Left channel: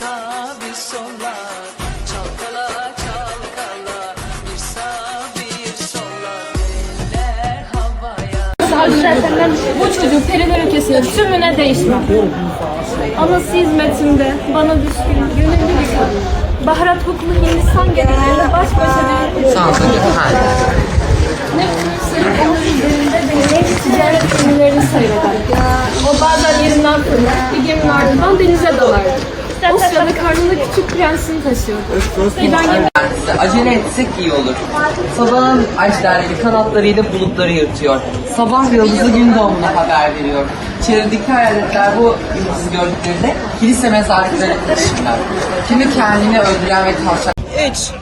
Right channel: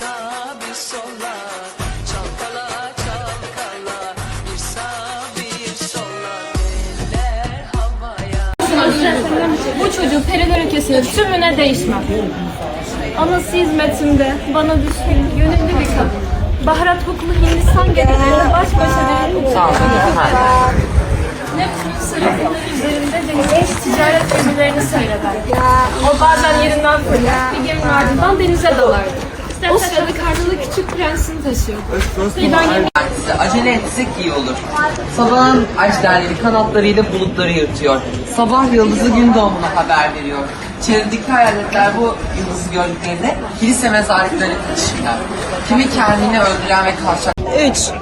sağ bir sola çalkala çalkala bir sağ bir sola eller havaya. Bu çocuğu periler ülkesinin tümüne değişmem. Anası hizmetinde bana düşkün, gönüllü bir kadın. Baharat kokulu Hindistan gecelerinde baş başa bir Neptün sırf onun üzerinde beni genç ticaret gemilerini seyreder. O bazen yerinden fırlar, bir geminin ardından denize dalardı. Osya'da karnında küçük prensini taşıyordu. Giden gemi Size acele etsek iyi olur. Sabahın ajderleri kanatlarıyla bulutları yırtıyor. Sabah yıldızı gün doğumuna haber veriyor. Çevredeki hayaletler bu yıldızı gördüklerinde kilise mezarlıklarıyla konuşurlar. Kimi kendini öldüren ve tavşan... 3